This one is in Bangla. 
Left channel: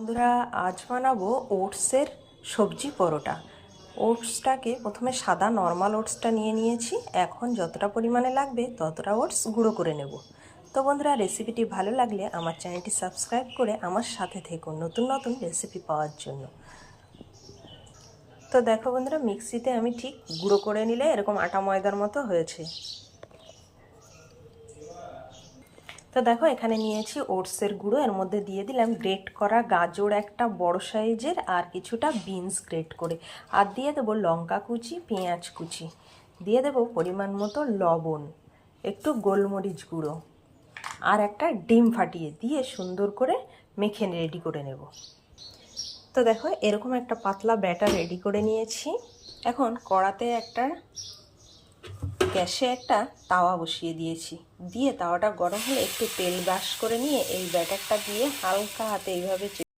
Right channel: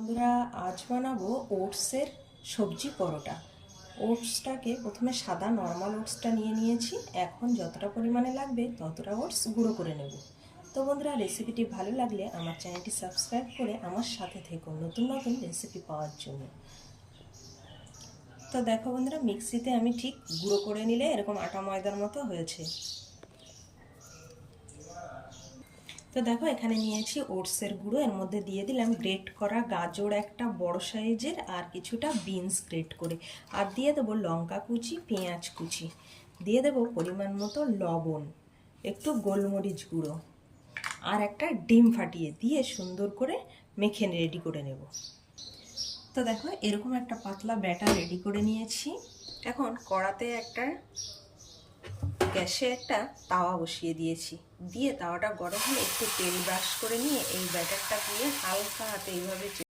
বন্ধুরা, আজ বানাবো ওটসের সবজি পরোটা। ওটসটাকে প্রথমে সাদা নর্মাল ওটসটা নিয়েছি। এখন যতটা পরিমাণে লাগবে ততটা ওটস গুঁড়ো করে নেব। তো বন্ধুরা, রেসিপিটি ভালো লাগলে আমার চ্যানেলটি সাবস্ক্রাইব করে আমার সাথে থেকুন নতুন নতুন রেসিপি পাওয়ার জন্য। তো দেখো বন্ধুরা, মিক্সিতে আমি ঠিক গুঁড়ো করে নিলে এরকম আটা ময়দার মতো হয়েছে। তো দেখো, এখানে নিয়েছি ওটসের গুঁড়ো, এর মধ্যে দিয়ে দিলাম গ্রেট করা গাজর একটা বড় সাইজের, আর কিছুটা বিনস গ্রেট করে, আর দিয়ে দেবো লঙ্কা কুচি, পেঁয়াজ কুচি, দিয়ে দেবো পরিমাণ মতো লবণ, একটু গোলমরিচ গুঁড়ো, আর একটা ডিম ফাটিয়ে দিয়ে সুন্দর করে মেখে রেডি করে নেব। তো দেখো, এরকম একটা পাতলা ব্যাটার রেডি করে নিয়েছি। এখন কড়াতে গ্যাসে একটা তাওয়া বসিয়ে দিয়েছি। দিয়ে তাওয়াটা গরম হলে একটু তেল ব্রাশ করে নিয়ে এই ব্যাটারটা দিয়ে হালকা হাতে এইভাবে